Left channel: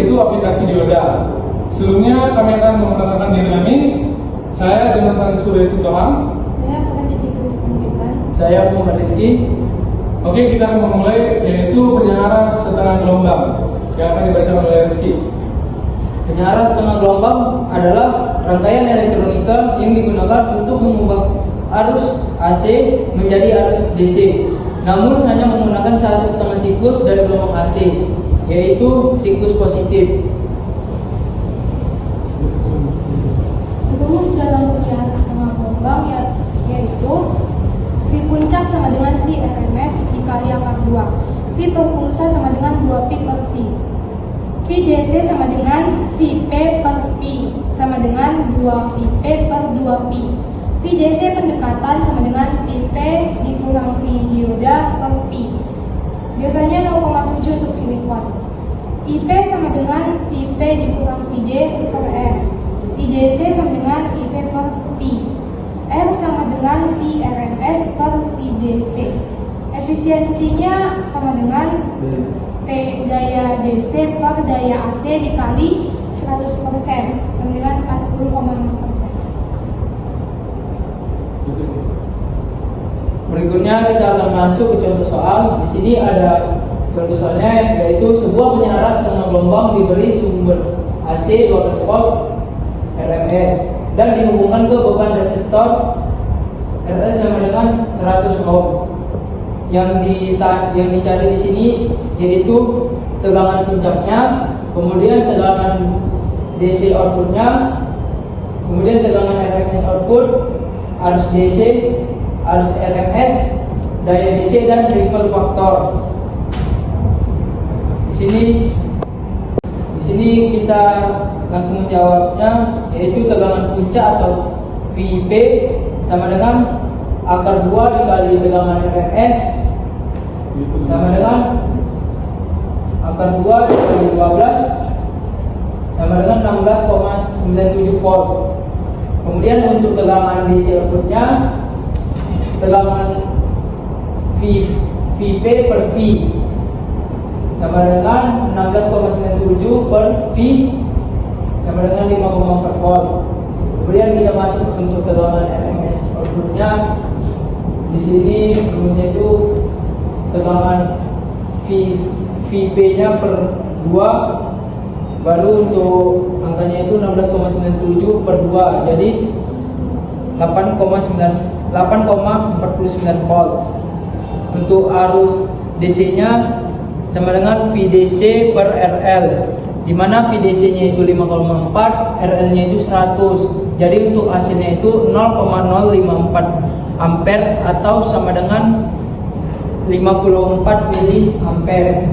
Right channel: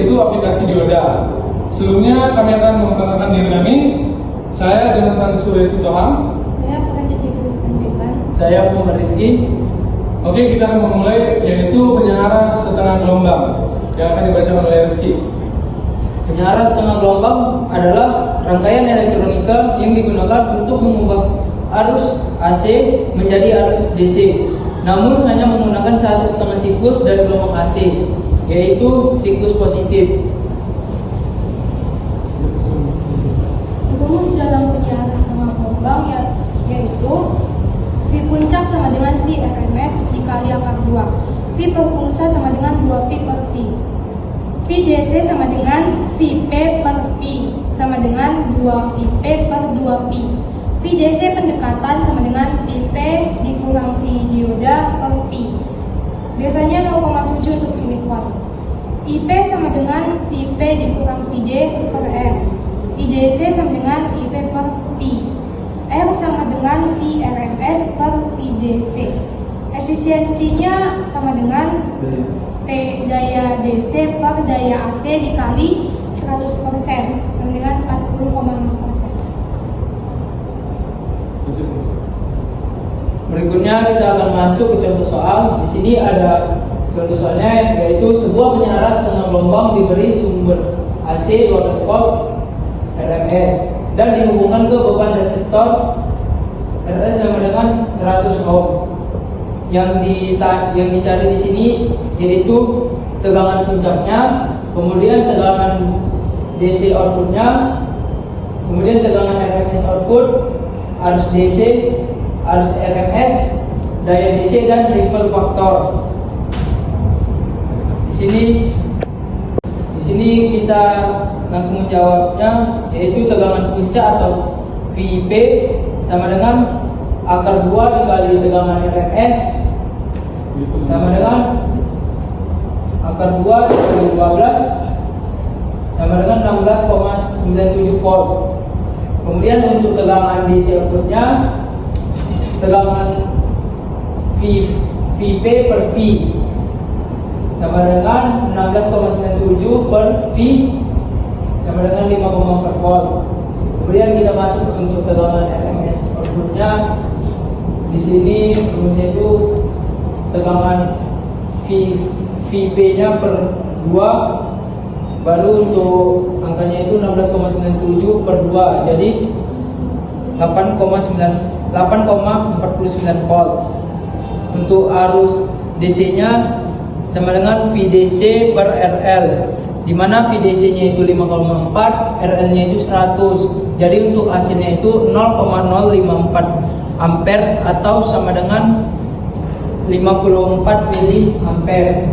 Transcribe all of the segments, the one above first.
yaitu aplikasi Dioda. Sebelumnya kami akan memperkenalkan diri kami. Saya Jonathan Surya Sitohang. Saya pekerja di Kris Pendidikan. Saya Umar Rizky. Oke, kita akan memulai yaitu penyelenggaraan setengah gelombang yang akan dibaca oleh Rizky. Penyara setengah gelombang adalah rangkaian elektronika yang digunakan untuk mengubah arus AC menjadi arus DC, namun hanya menggunakan satu setengah siklus dari gelombang AC, yaitu siklus positif. Rumus dalam penyelenggaraan setengah gelombang yaitu V puncak sama dengan V RMS dikali akar 2. V per pulsa sama dengan 2P per V. V DC sama dengan Vp per P sama dengan 2Vp per 2P. V DC pendekatan sama dengan Vp dikurang V dioda per P. Biasanya 0,7 untuk silik kuat. IP sama dengan Vp dikurang Vd per R. IDC sama dengan IP per P. R sama dengan VRMS per VDC. Efisiensinya sama dengan P daya DC per daya AC dikali 100% sama dengan 40,5%. Berikutnya kita akan masuk ke contoh soal. Di sini ada contoh soalnya, yaitu sebuah penyara setengah gelombang diberi sumber AC 12 volt RMS dan dihubungkan ke beban resistor RS sama dengan 100 ohm. Yang dicari di sini yaitu tegangan puncaknya, kemudian tegangan DC outputnya, kemudian tegangan RMS output, arus DC, arus RMS, daya DC dan ripple faktor. Di sini kita langsung menjawabnya, yaitu tegangan puncak atau VP sama dengan akar 2 dikali tegangan RMS sama dengan akar 2 dikali 12 sama dengan 16,97 volt. Kemudian untuk tegangan DC outputnya, tegangan Vp per V sama dengan 16,97 per V sama dengan 5,4 volt. Kemudian kita masuk untuk tegangan RMS outputnya. Di sini yaitu tegangan Vp-nya per 2, baru untuk angkanya itu 16,97 per 2, jadi 8,49 volt. Untuk arus DC-nya sama dengan VDC per RL, di mana VDC-nya itu 5,4, RL-nya itu 100. Jadi untuk AC-nya itu 0,054 ampere atau sama dengan 54 miliampere.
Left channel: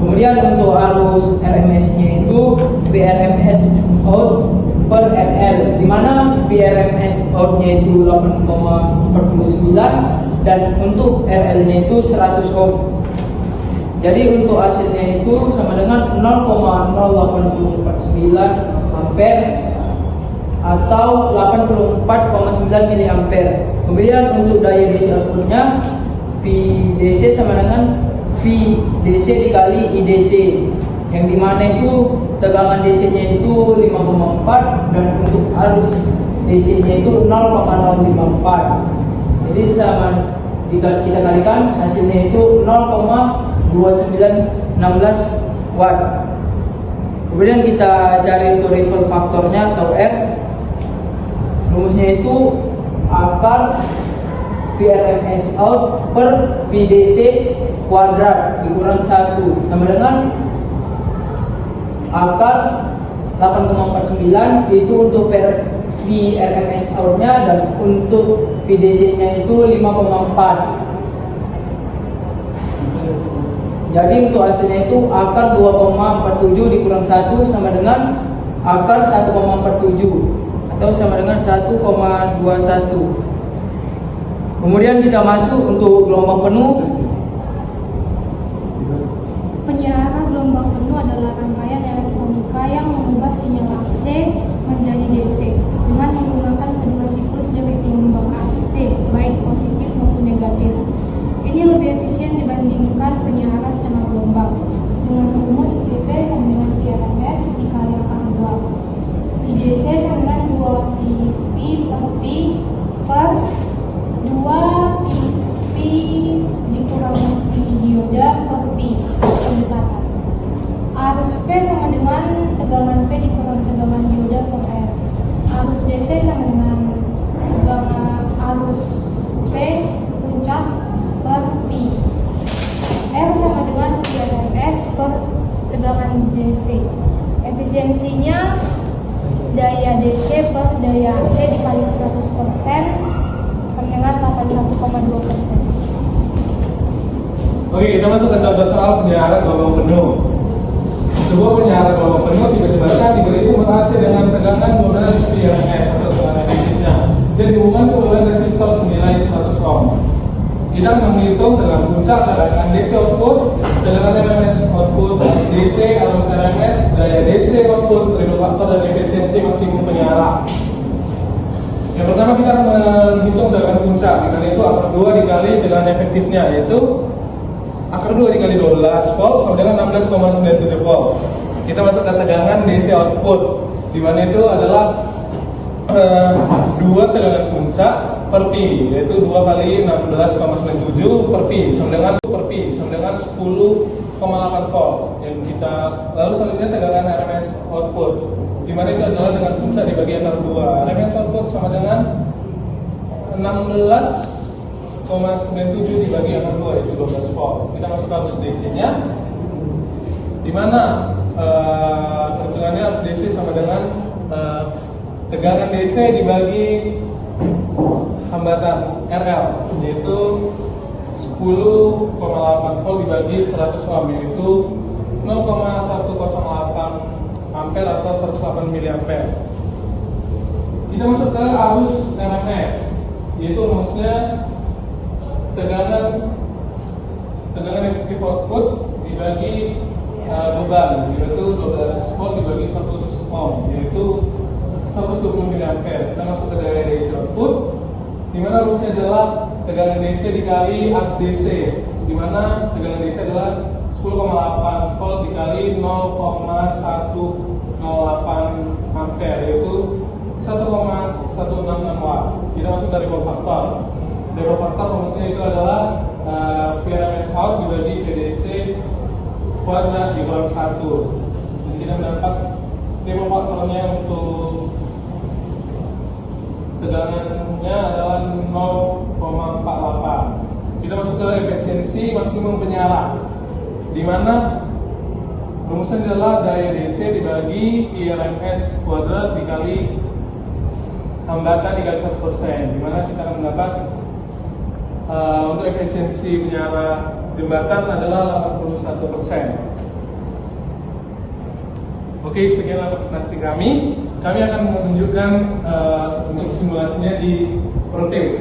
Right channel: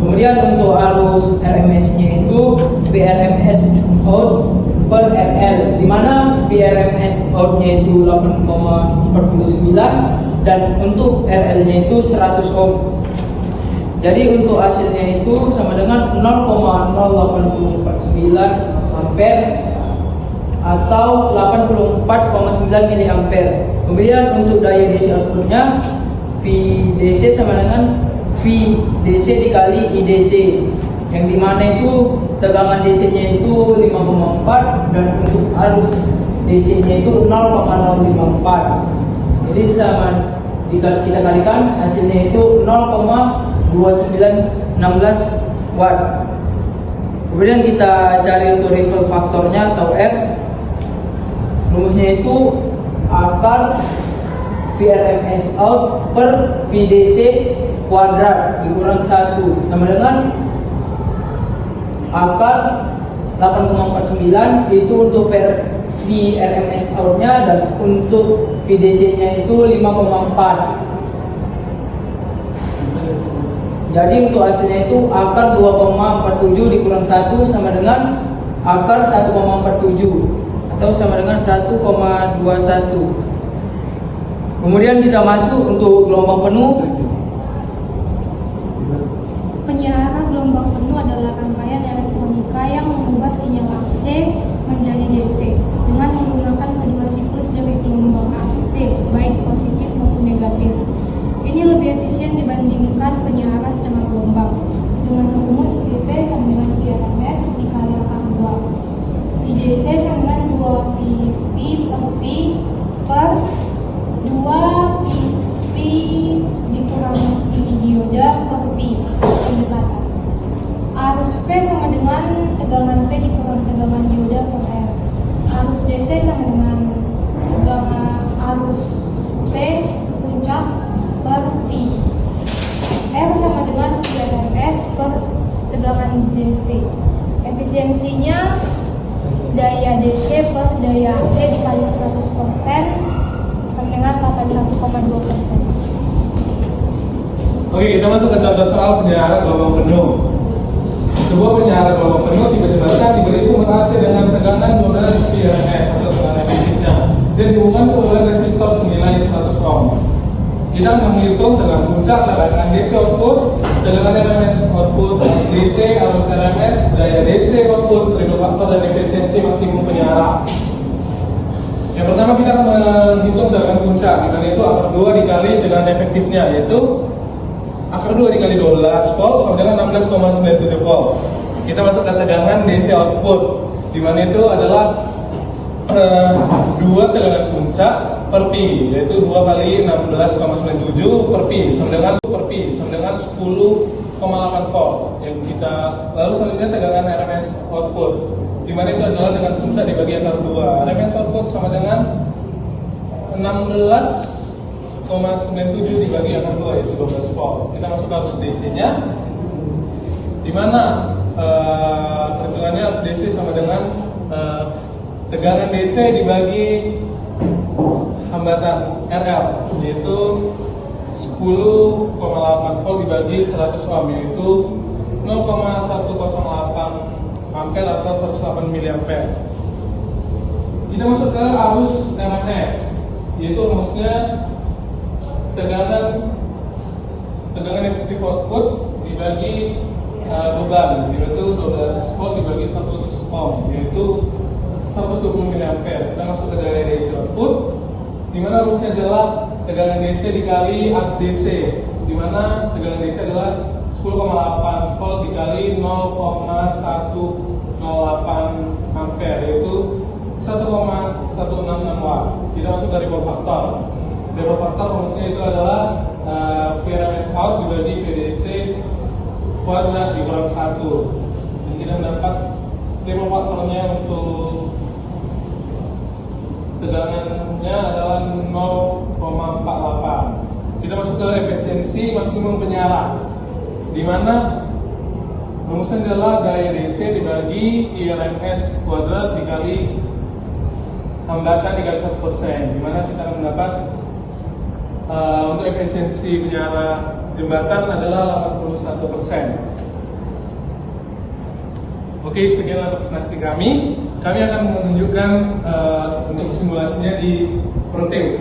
Kemudian untuk arus RMS-nya itu VRMS out per RL, di mana VRMS out-nya itu 8,49 dan untuk RL-nya itu 100 ohm. Jadi untuk hasilnya itu sama dengan 0,0849 ampere atau 84,9 miliampere. Kemudian untuk daya DC outputnya, VDC sama dengan VDC dikali IDC, yang dimana itu tegangan DC-nya itu 5,4 dan untuk arus DC-nya itu 0,054. Jadi sama kita kalikan hasilnya itu 0,2916 watt. Kemudian kita cari untuk ripple faktornya atau R. Rumusnya itu akar VRMS out per VDC kuadrat dikurang 1 sama dengan akar 8,49 itu untuk VRMS out-nya, dan untuk VDC-nya itu 5,4. Jadi untuk hasilnya itu akar 2,47 dikurang 1 sama dengan akar 1,47 atau sama dengan 1,21. Kemudian kita masuk untuk gelombang penuh. Penyelenggaraan gelombang penuh adalah rangkaian elektronika yang mengubah sinyal AC menjadi DC dengan menggunakan kedua siklus dari gelombang AC, baik positif maupun negatif. Ini lebih efisien dibandingkan penyelenggaraan setengah gelombang dengan rumus VP sama DC. Efisiensinya daya DC per daya AC dikali 100% dengan 81,2%. Oke, kita masuk ke contoh soal penyarahan gelombang penuh. Sebuah penyarahan gelombang penuh tiba-tiba diberi sumber AC dengan tegangan 12 PRS atau tegangan efisiensinya dan dihubungkan dengan resistor senilai 100 ohm. Kita menghitung dengan puncak tegangan DC output, tegangan RMS output DC atau RMS, daya DC output, periode faktor dan efisiensi maksimum penyarahan. Yang pertama kita menghitung tegangan puncak, dengan itu akar 2 dikali dengan efektifnya, yaitu akar 2 dikali 12 volt sama dengan 16,97 volt. Kita masuk ke tegangan DC output, di mana itu adalah 2 tegangan puncak per pi, yaitu 2 kali 16,97 per pi sama dengan 10,8 volt. Yang kita lalu selanjutnya tegangan RMS output, di mana itu adalah tegangan puncak dibagi akar 2. RMS output sama dengan 16,97 dibagi akar 2, yaitu 12 volt. Kita masuk ke arus DC-nya, di mana perhitungannya arus DC sama dengan tegangan DC dibagi hambatan RL, yaitu 10,8 volt dibagi 100 ohm, yaitu 0,108 ampere atau 108 miliampere. Kita masuk ke arus RMS, yaitu rumusnya tegangan efektif output dibagi beban, yaitu 12 volt dibagi 100 ohm, yaitu 120 miliampere. Kita masuk ke daya DC output, di mana rumusnya adalah tegangan DC dikali arus DC, di mana tegangan DC adalah 10,8 volt dikali 0,108 ampere, yaitu 1,166 watt. Kita masuk dari faktor. Dari faktor rumusnya itu adalah PRMS out dibagi PDC kuadrat dikurangi 1. Kita mendapat nilai faktornya untuk tegangannya adalah 0,48. Kita masuk ke efisiensi maksimum penyala, di mana rumusnya adalah daya DC dibagi IRMS kuadrat dikali hambatan dikali 100%, di mana kita akan mendapat untuk efisiensi penyala jembatan adalah 81%. Oke, sekian presentasi kami. Kami akan menunjukkan untuk simulasinya di Proteus.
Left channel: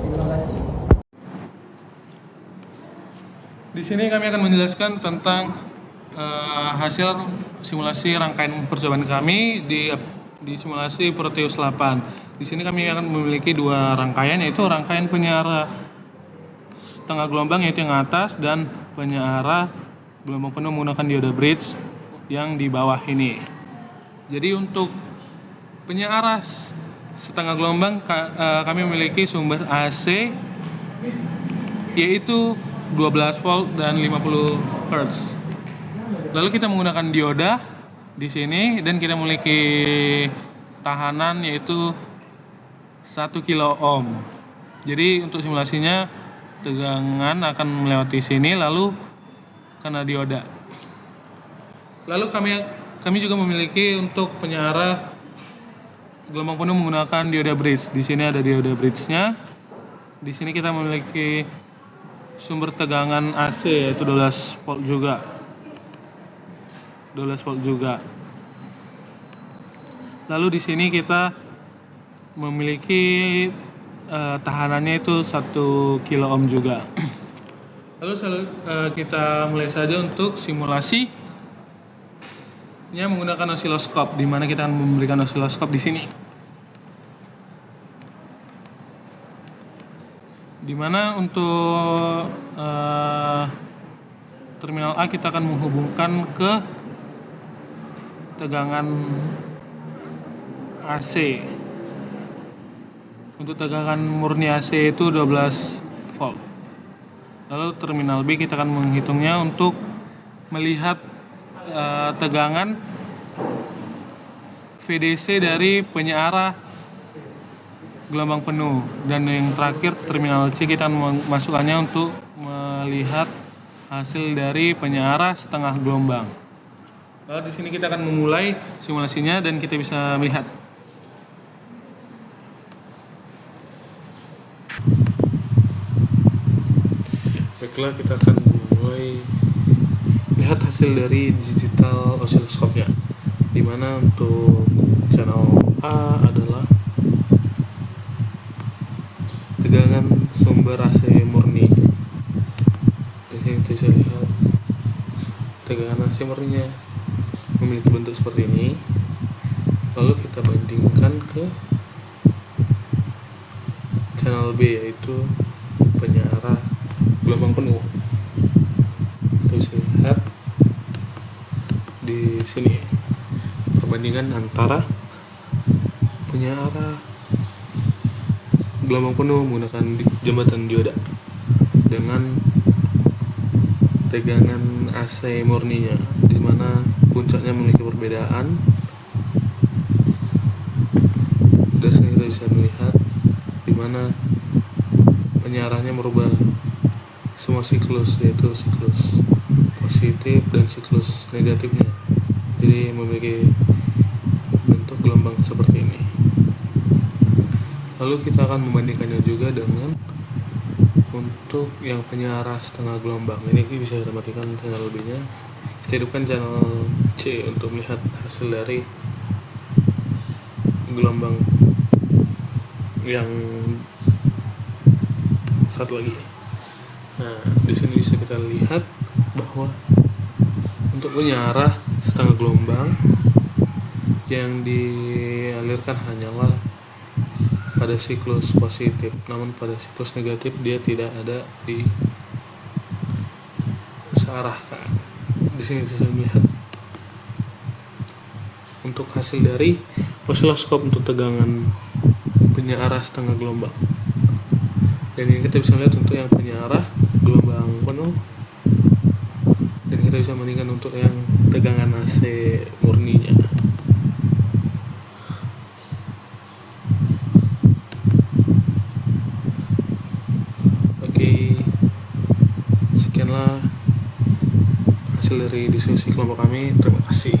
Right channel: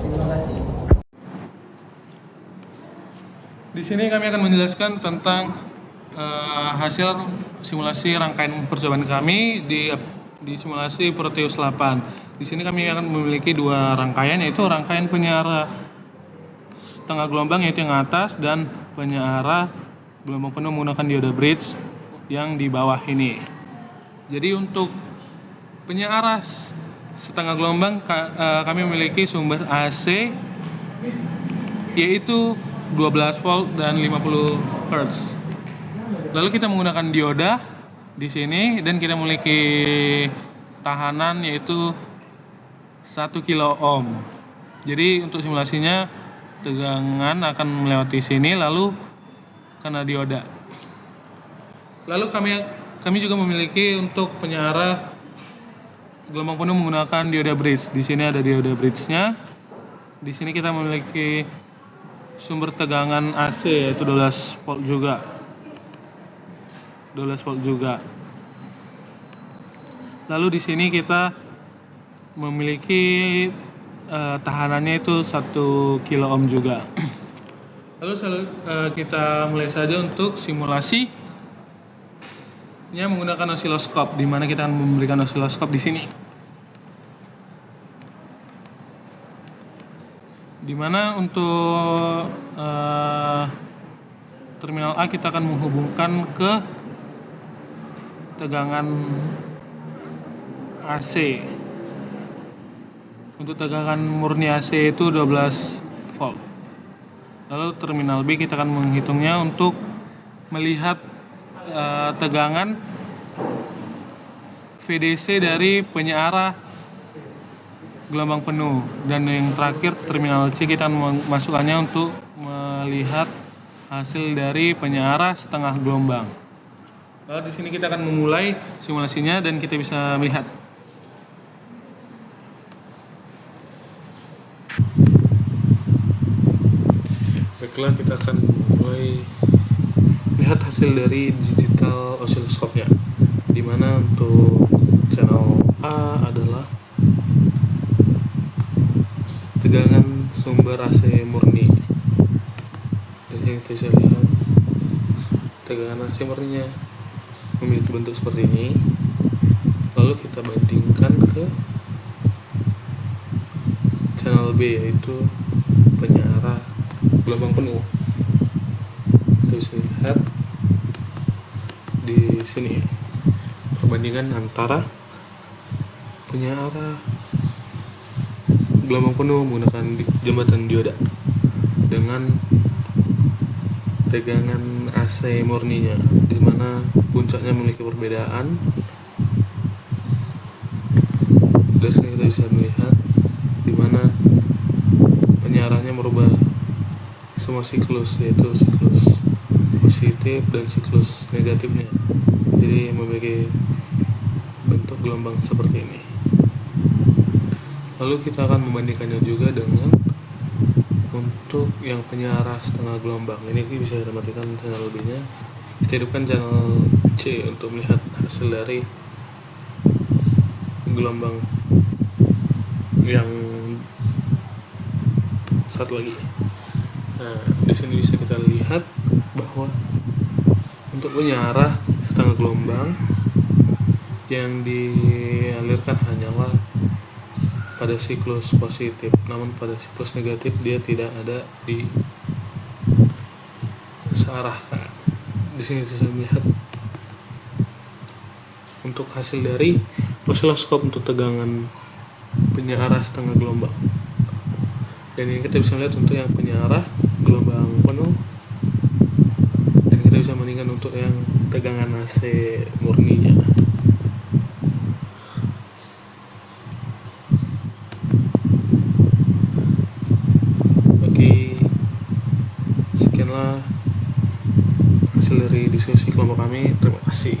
Terima kasih. Di sini kami akan menjelaskan tentang hasil simulasi rangkaian percobaan kami di simulasi Proteus 8. Di sini kami akan memiliki 2 rangkaian, yaitu rangkaian penyiar setengah gelombang yaitu yang atas, dan penyiar gelombang penuh menggunakan dioda bridge yang di bawah ini. Jadi untuk penyiar setengah gelombang kami memiliki sumber AC yaitu 12 volt dan 50 Hz. Lalu kita menggunakan dioda di sini dan kita memiliki tahanan yaitu 1 kilo ohm. Jadi untuk simulasinya tegangan akan melewati sini lalu kena dioda. Lalu kami juga memiliki untuk penyiar gelombang penuh menggunakan dioda bridge. Di sini ada dioda bridge-nya. Di sini kita memiliki sumber tegangan AC yaitu 12 volt juga. 12 volt juga. Lalu di sini kita memiliki tahanannya itu 1 kilo ohm juga. Lalu kita mulai saja untuk simulasi menggunakan osiloskop, di mana kita akan memberikan osiloskop di sini. Di mana untuk terminal A kita akan menghubungkan ke tegangan AC. Untuk tegangan murni AC itu 12 volt. Lalu terminal B kita akan menghitungnya untuk melihat tegangan VDC dari penyiar gelombang penuh. Dan yang terakhir terminal C kita akan memasukkannya untuk melihat hasil dari penyiar setengah gelombang. Lalu di sini kita akan memulai simulasinya dan kita bisa melihat. Baiklah, kita akan mulai lihat hasil dari digital oscilloscope-nya. Di mana untuk channel A adalah tegangan sumber AC murni. Di sini kita bisa lihat tegangan AC murninya memiliki bentuk seperti ini. Lalu kita bandingkan ke channel B, yaitu penyiar gelombang penuh. Kita bisa lihat di sini perbandingan antara penyiar gelombang penuh menggunakan jembatan dioda dengan tegangan AC murninya, di mana puncaknya memiliki perbedaan. Dari sini kita bisa melihat di mana penyiarannya merubah semua siklus, yaitu siklus positif dan siklus negatifnya, jadi memiliki bentuk gelombang seperti ini. Lalu kita akan membandingkannya juga dengan untuk yang penyiar setengah gelombang. Ini bisa kita matikan channel B nya, kita hidupkan channel C untuk melihat hasil dari gelombang yang satu lagi. Nah, di sini bisa kita lihat bahwa untuk penyiar setengah gelombang yang dialirkan hanyalah pada siklus positif, namun pada siklus negatif dia tidak ada di searahkan. Di sini saya melihat untuk hasil dari osiloskop untuk tegangan penyiar setengah gelombang. Dan ini kita bisa lihat untuk yang penyiar gelombang penuh, dan kita bisa bandingkan untuk yang tegangan AC murninya. Oke, sekianlah hasil dari diskusi kelompok kami. Terima kasih.